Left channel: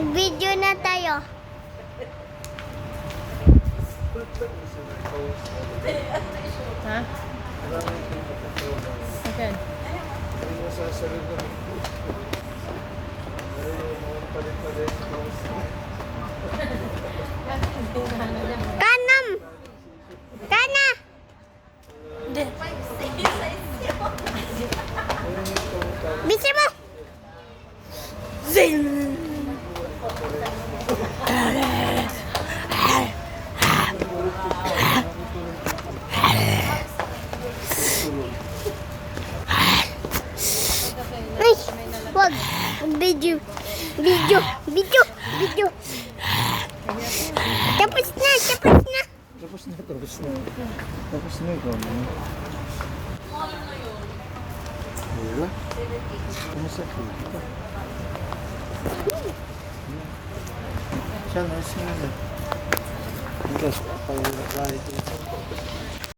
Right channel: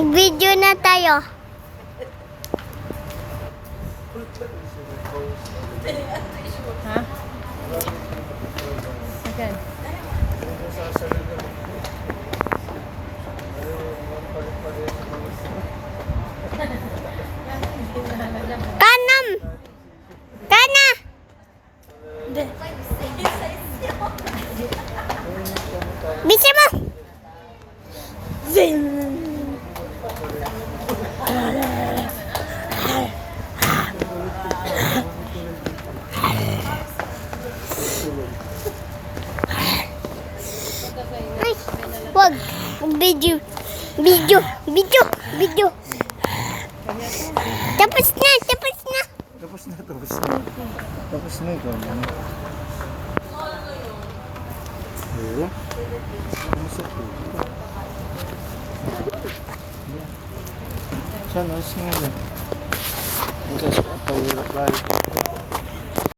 Mag-video na tayo. Ha? Akan? Kanam! Kana! Bisa mo! Zing! Ay, wag. Video. Video. Video. Video. Tapos na. Tapos na. Tapos na, tapos na. Tapos na ikaw na. Wala. Masakit. Sana, sana. Ang gas pa, pahirap tayo.